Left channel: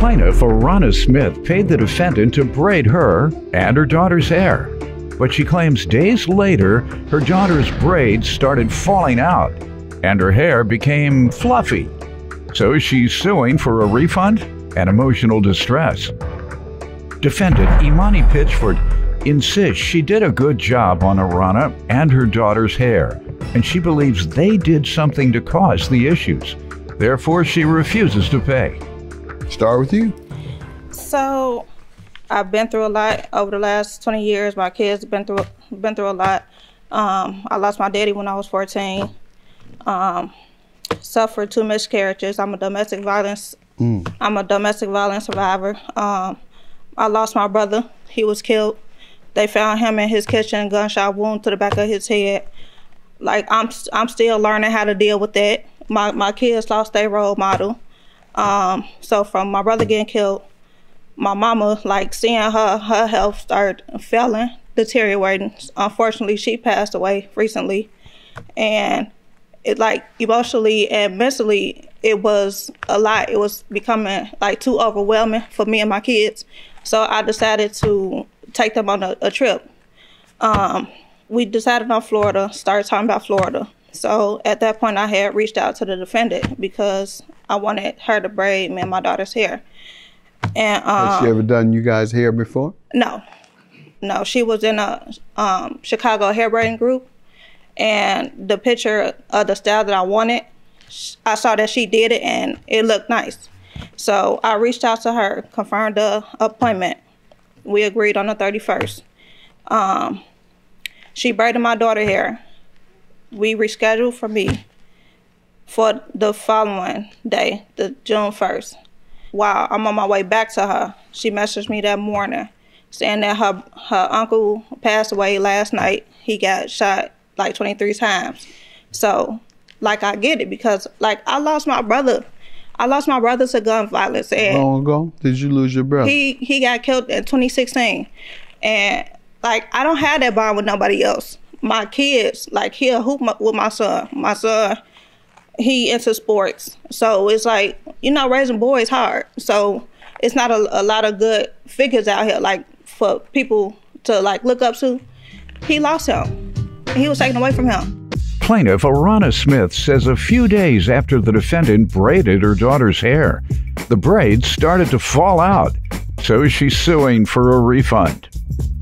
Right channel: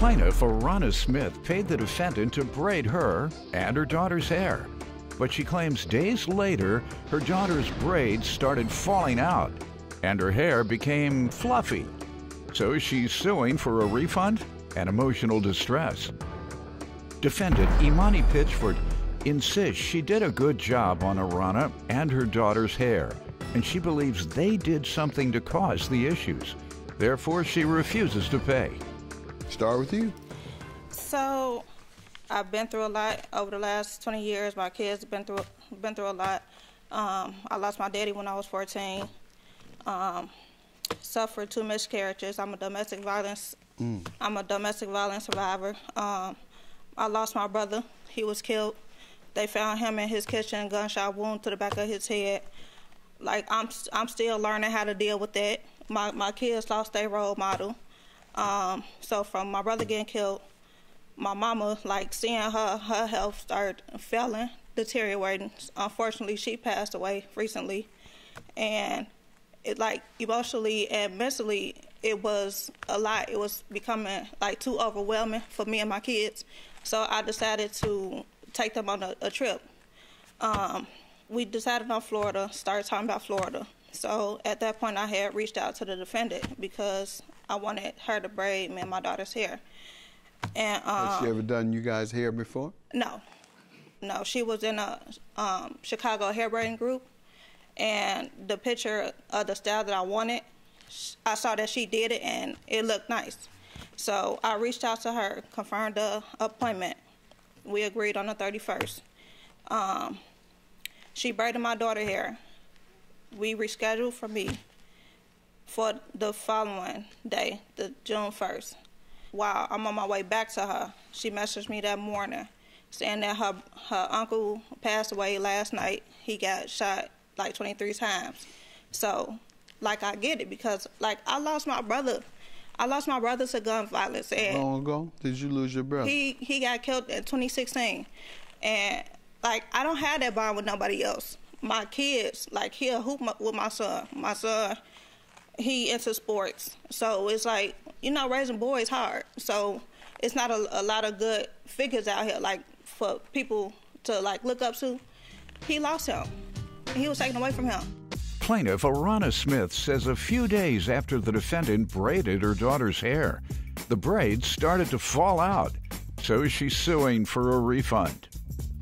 Plaintiff Arana Smith paid the defendant to braid her and her daughter's hair, but she claims days later her daughter's braids started falling out and her hair became fluffy. So she's suing for a refund and emotional distress. Defendant Imani Pitchford insists she did a good job on Arana and her daughter's hair, and she believes they did something to cause the issues. Therefore, she refuses to pay. Start with you. So, I've been through a lot over the last 20 years. My kids have been through a lot. I lost my daddy when I was 14. Suffered 2 miscarriages. I'm a domestic violence survivor. I lost my brother. He was killed. They found him in his kitchen, gunshot wound to the back of his head. Like, I'm still learning how to deal with that. My kids lost their role model. So from my brother getting killed, my mama, like, seeing her health start failing, deteriorating. Unfortunately, she passed away recently. And it, like, emotionally and mentally, it was a lot. It was becoming, like, too overwhelming for me and my kids. So I decided to take them on a trip. We decided on Florida, started talking about Florida. So at that point, I had reached out to the defendant because I wanted her to braid me and my daughter's hair. And has she ever done you guys' hair before? No. She was in a Chicago hair braiding group, and the picture of the style that I wanted, I saw that she did it and it looked nice. So I reached out to her, confirmed the appointment. We agreed on the 31st. She braided my daughter's hair. We rescheduled for me for the following day, the June 1st. While I'm on my way back to her, she messaged me that morning saying that her uncle passed away last night. He got shot like 23 times. So, like, I get it because, like, I lost my brother. I lost my brother to gun violence. And how long ago did you lose your brother? He got killed in 2016. And, like, I don't have that bond with nobody else. My kids, like, he'll hoop with my son. My son, he into sports. So it's like, you know, raising boys hard. So it's not a lot of good figures out here, like, for people to, like, look up to. He lost him. He was taken away from him. Plaintiff Arana Smith says a few days after the defendant braided her daughter's hair, the braids started to fall out. So she's suing for a refund.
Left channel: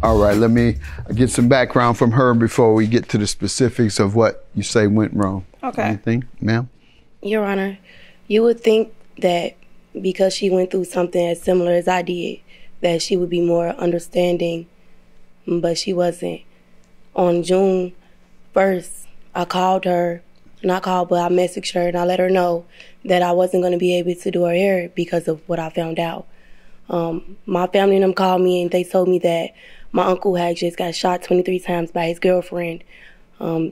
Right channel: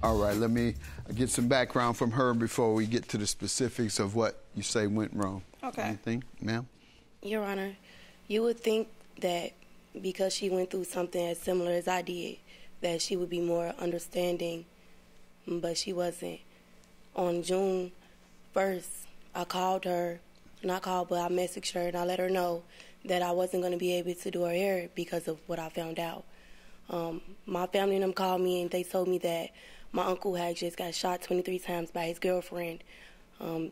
All right, let me get some background from her before we get to the specifics of what you say went wrong. Okay. Anything, ma'am? Your Honor, you would think that because she went through something as similar as I did, that she would be more understanding, but she wasn't. On June 1st, I called her, not called, but I messaged her and I let her know that I wasn't going to be able to do her hair because of what I found out. My family and them called me and they told me that my uncle had just got shot 23 times by his girlfriend.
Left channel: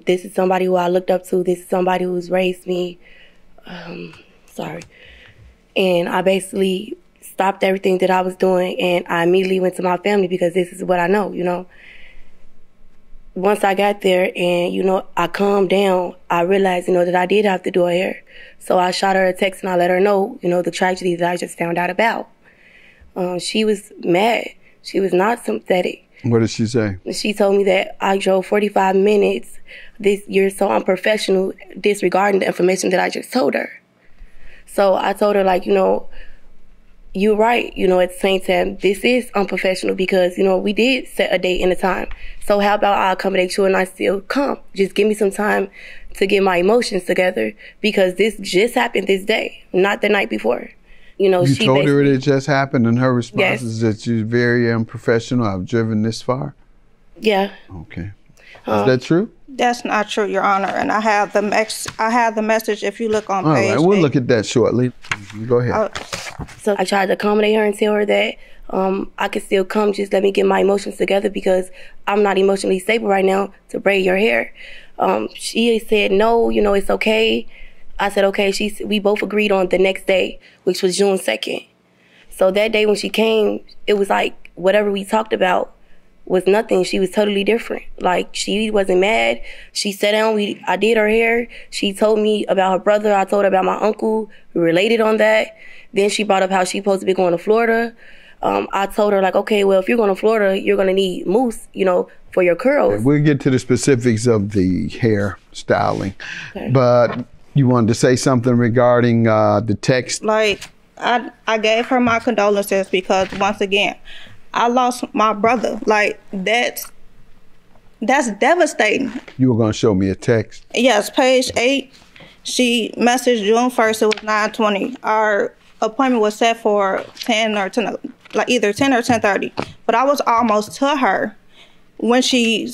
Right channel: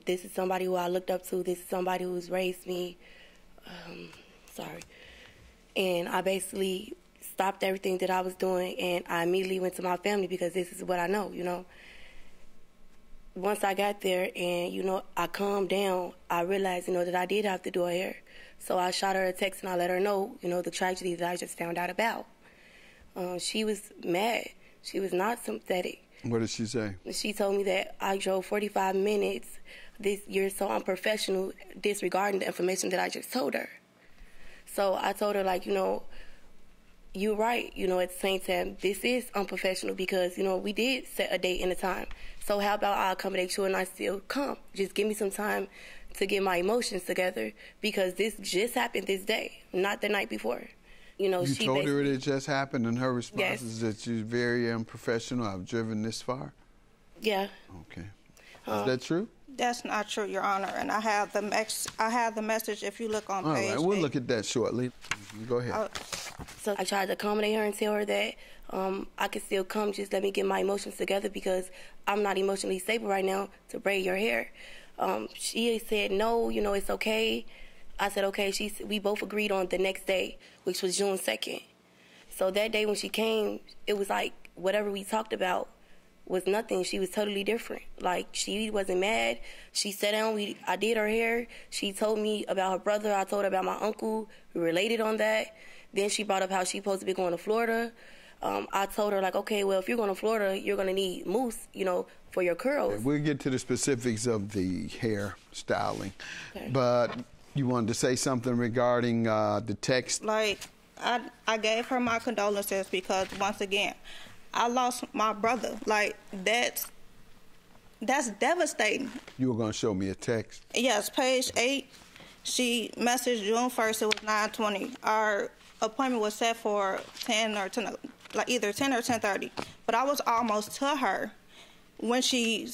This is somebody who I looked up to. This is somebody who's raised me. And I basically stopped everything that I was doing and I immediately went to my family because this is what I know, you know. Once I got there and, you know, I calmed down, I realized, you know, that I did have to do her hair. So I shot her a text and I let her know, you know, the tragedy that I just found out about. She was mad. She was not sympathetic. What did she say? She told me that I drove 45 minutes. You're so unprofessional, disregarding the information that I just told her. So I told her, like, you know, you're right. You know, at the same time, this is unprofessional because, you know, we did set a date and a time. So how about I accommodate you and I still come? Just give me some time to get my emotions together because this just happened this day, not the night before. You know, she told her it just happened, and her response is that you're very unprofessional. I've driven this far. Yeah. Okay. Is that true? That's not true, Your Honor. And I have the message. If you look on page. All right, we'll look at that shortly. Go ahead. So I tried to accommodate her and tell her that I could still come. Just let me get my emotions together because I'm not emotionally stable right now to braid your hair. She said no. You know, it's okay. I said, okay. We both agreed on the next day, which was June 2nd. So that day when she came, it was like whatever we talked about was nothing. She was totally different. Like, she wasn't mad. She sat down. I did her hair. She told me about her brother. I told her about my uncle. We related on that. Then she brought up how she's supposed to be going to Florida. I told her, like, okay, well, if you're going to Florida, you're going to need mousse, you know, for your curls. We'll get to the specifics of the hair styling. Okay. But you wanted to say something regarding the text? Like, I gave her my condolences because, once again, I lost my brother. Like, that's devastating. You were going to show me a text? Yes, page 8. She messaged June 1st. It was 9:20. Our appointment was set for 10 or 10, like either 10 or 10:30. But I was almost to her when she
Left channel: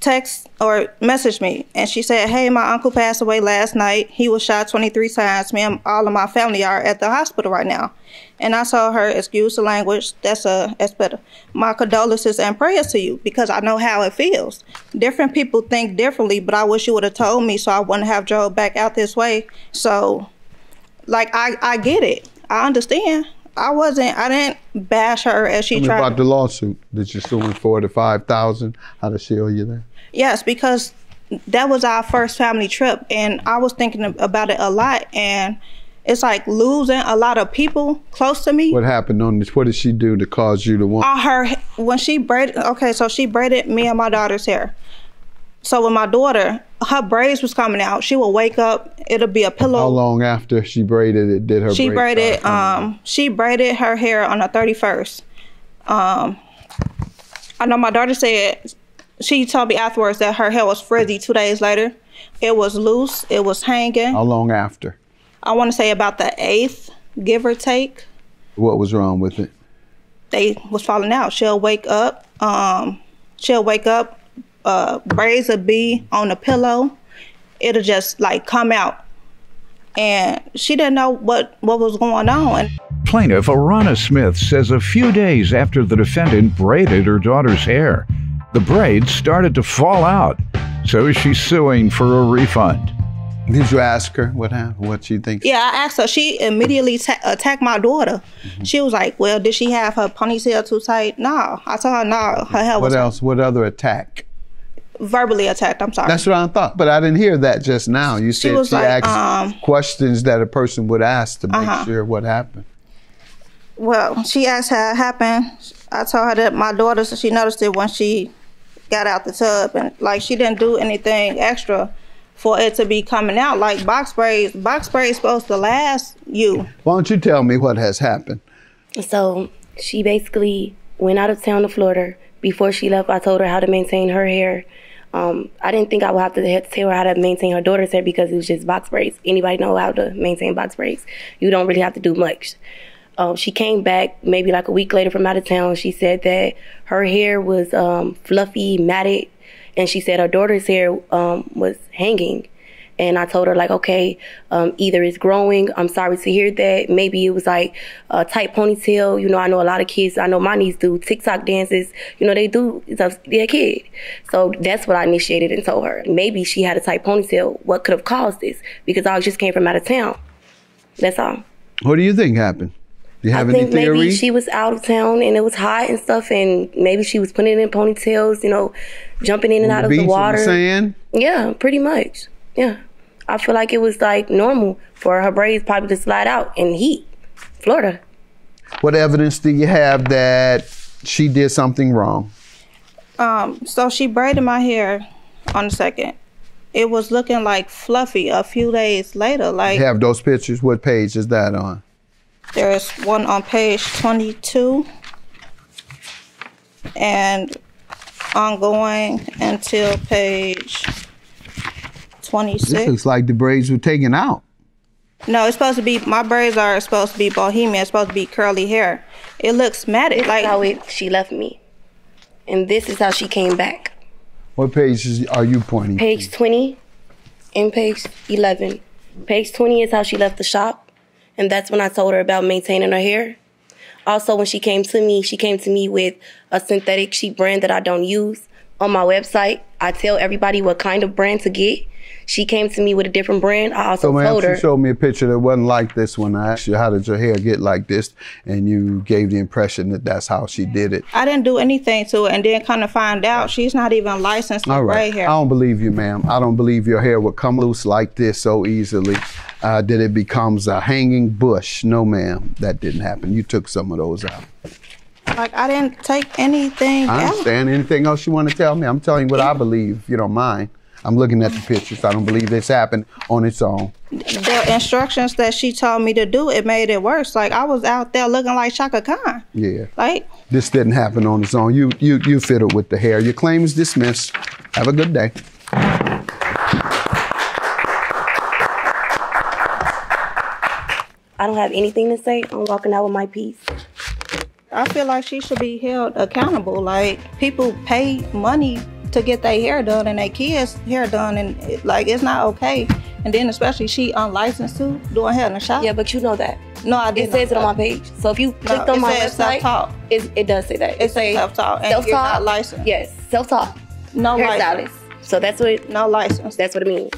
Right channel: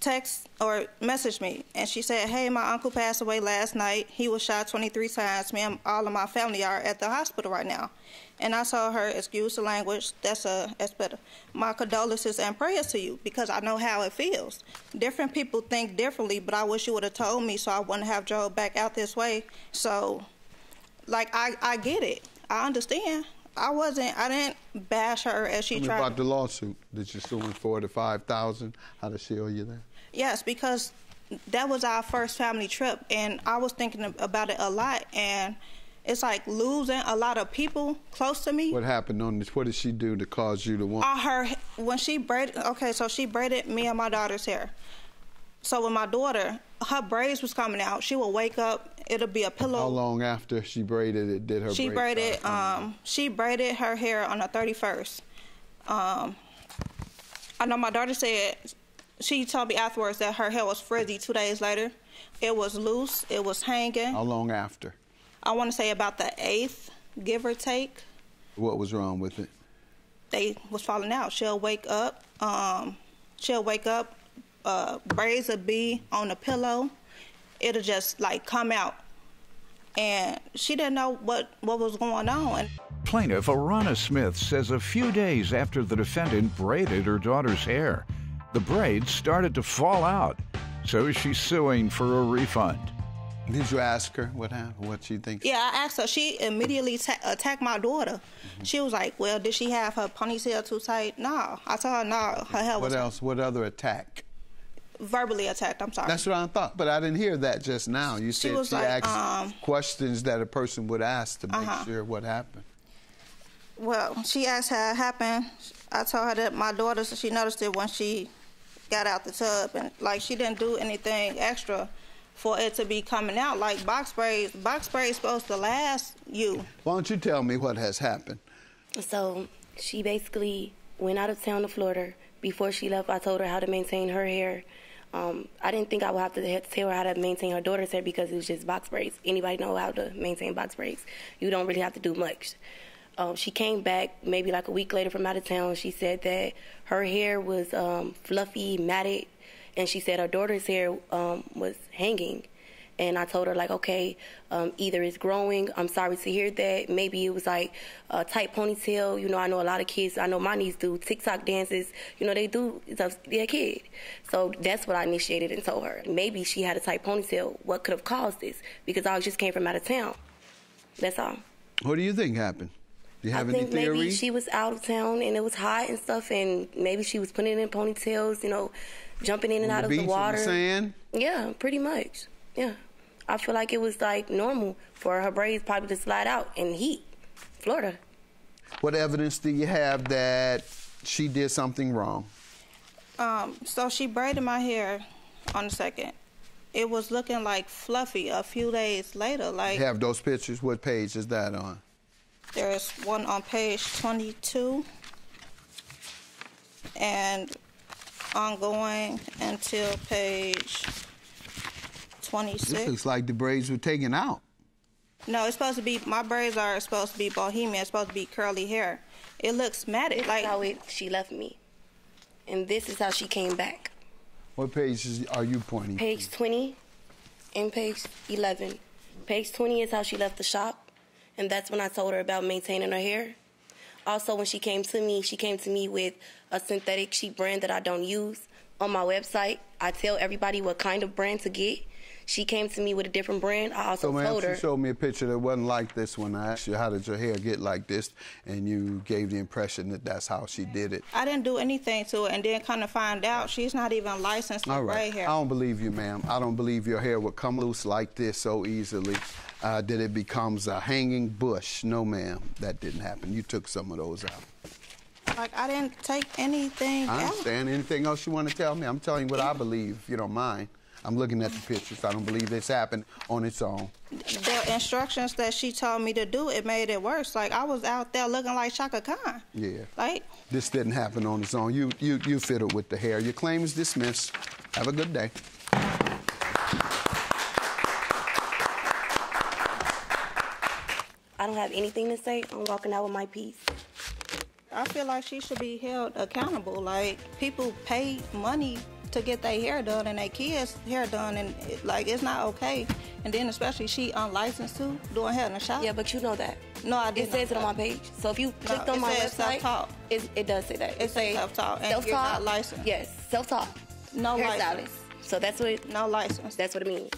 text or messaged me, and she said, "Hey, my uncle passed away last night. He was shot 23 times. Me and all of my family are at the hospital right now." And I told her, "Excuse the language. That's better. My condolences and prayers to you, because I know how it feels. Different people think differently, but I wish you would have told me so I wouldn't have drove back out this way." So, like, I get it. I understand. I didn't bash her as she Tell me tried. about the lawsuit that you're suing for, the $5,000. How to shield you there? Yes, because that was our first family trip, and I was thinking about it a lot, and it's like losing a lot of people close to me. What happened on this? What did she do to cause you to want? When she braided, so she braided me and my daughter's hair. So with my daughter, her braids was coming out. She would wake up, it'll be a pillow. How long after she braided it did her she braided she braided her hair on the 31st. I know my daughter said, she told me afterwards that her hair was frizzy 2 days later. It was loose, it was hanging. How long after? I want to say about the 8th, give or take. What was wrong with it? They was falling out. She'll wake up, braids will be on the pillow. It'll just like come out. And she didn't know what was going on. Plaintiff Arana Smith says a few days after the defendant braided her daughter's hair, the braids started to fall out. So she's suing for a refund. Did you ask her what happened, what she thinks? Yeah, I asked her. She immediately attacked my daughter. Mm-hmm. She was like, "Well, did she have her ponytail too tight?" No. I told her no, her hair was... What else? What other attack? Verbally attacked, I'm sorry. That's what I thought, but I didn't hear that just now. You said she asked questions that a person would ask to make sure what happened. Well, she asked how it happened. I told her that my daughter, she noticed it when she got out the tub, and like she didn't do anything extra for it to be coming out. Like box braids supposed to last you. Why don't you tell me what has happened? So she basically went out of town to Florida. Before she left, I told her how to maintain her hair. I didn't think I would have to tell her how to maintain her daughter's hair because it was just box braids. Anybody know how to maintain box braids. You don't really have to do much. She came back maybe like a week later from out of town. She said that her hair was fluffy, matted, and she said her daughter's hair was hanging. And I told her, like, okay, either it's growing. I'm sorry to hear that. Maybe it was like a tight ponytail. You know, I know a lot of kids, I know my niece do TikTok dances. You know, they do stuff, they're a kid. So that's what I initiated and told her. Maybe she had a tight ponytail. What could have caused this? Because I just came from out of town. That's all. What do you think happened? Do you have any theory? I think maybe she was out of town and it was hot and stuff, and maybe she was putting it in ponytails, you know, jumping in and out of the water. Sand? Yeah, pretty much. Yeah. I feel like it was like normal for her braids probably to slide out in heat, Florida. What evidence do you have that she did something wrong? So she braided my hair on the 2nd. It was looking like fluffy a few days later. Like, you have those pictures? What page is that on? There's one on page 22 and ongoing until page 26. This looks like the braids were taken out. No, it's supposed to be, my braids are supposed to be bohemian. It's supposed to be curly hair. It looks matted. Like how she left me. And this is how she came back. What pages are you pointing Page to? 20 and page 11. Page 20 is how she left the shop. And that's when I told her about maintaining her hair. Also, when she came to me with a synthetic sheet brand that I don't use. On my website, I tell everybody what kind of brand to get. she came to me with a different brand, I also So, told ma'am, her. she showed me a picture that wasn't like this one. I asked you, how did your hair get like this? And you gave the impression that that's how she did it. I didn't do anything to it, and then kind of find out she's not even licensed to All right. braid hair. I don't believe you, ma'am. I don't believe your hair would come loose like this so easily that it becomes a hanging bush. No, ma'am, that didn't happen. You took some of those out. Like, I didn't take anything I out. understand. Anything else you want to tell me? I'm telling you what I believe, if you don't mind. I'm looking at the pictures. I don't believe this happened on its own. The instructions that she told me to do, it made it worse. Like, I was out there looking like Shaka Khan. Yeah. Like, This didn't happen on its own. You fiddled with the hair. Your claim is dismissed. Have a good day. I don't have anything to say. I'm walking out with my piece. I feel like she should be held accountable. Like, people pay money to get their hair done and their kids' hair done, and it's not okay. And then especially she unlicensed too, doing hair in the shop. Yeah, but you know that. No, I didn't. It says it on my page. So if you clicked on my says website, self-taught. it does say that. It says self-taught, and you're not licensed. Yes, self-taught. No license. Hairstylist. So that's what No license. that's what it means.